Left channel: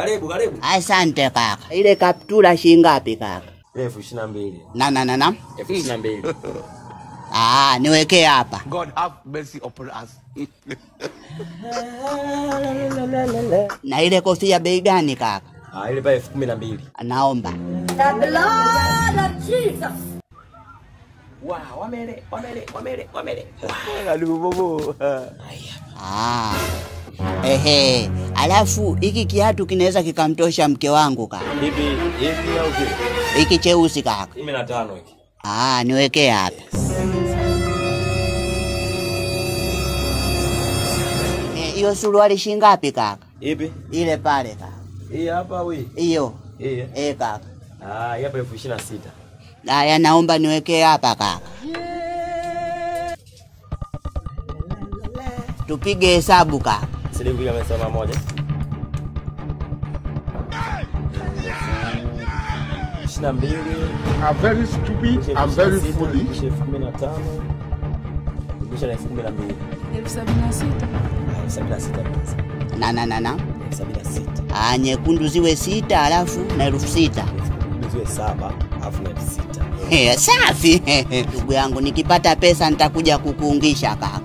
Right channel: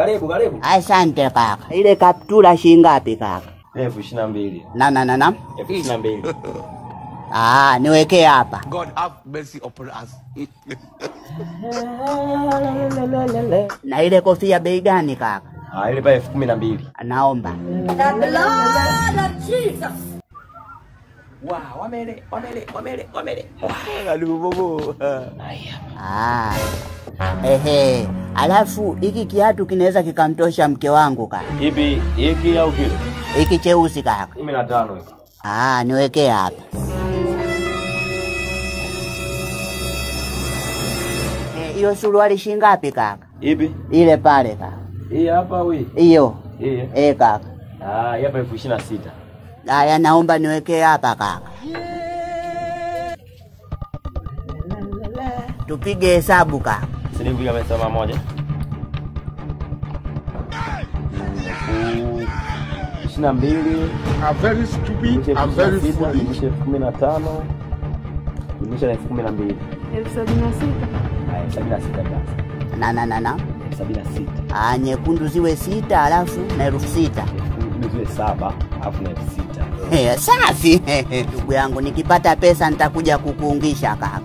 Karibu. Asante kaka. Ile kaptura shilingi ngapi kaka? 22,000. Na 22,000. Niweke hapa. God have mercy upon us. Na ile kofia bei gani kaka? Ile pale 12,000. Naomba. The blood of Jesus. Wow, wamele. Karibu bobo. Alafu hiki kiatu kinaweza kikamtosha mke wangu kaka. Hivi au kile? Hiki cheusi kaka. 15 hiki. Niweke hapa. Hiyo suruali shilingi ngapi kaka? Ipi? Ile pale kaka. Hii hapa wewe. Hiyo. Kaka. Hii hapa 26,000. Haya naomba niweke hapa kaka. Tupige hesabu kaka. Shilingi kama 100. 22. I'm very stupid. I'm very foolish. 15. Nisha 12,000. 76 basi. Na 76. Nyekundu ziwe 6 alafu na 6,000. Ziwe 7 alafu na 6,000. Safi. Ndugu yangu nikipata pesa nitakuja kukuungisha kaka.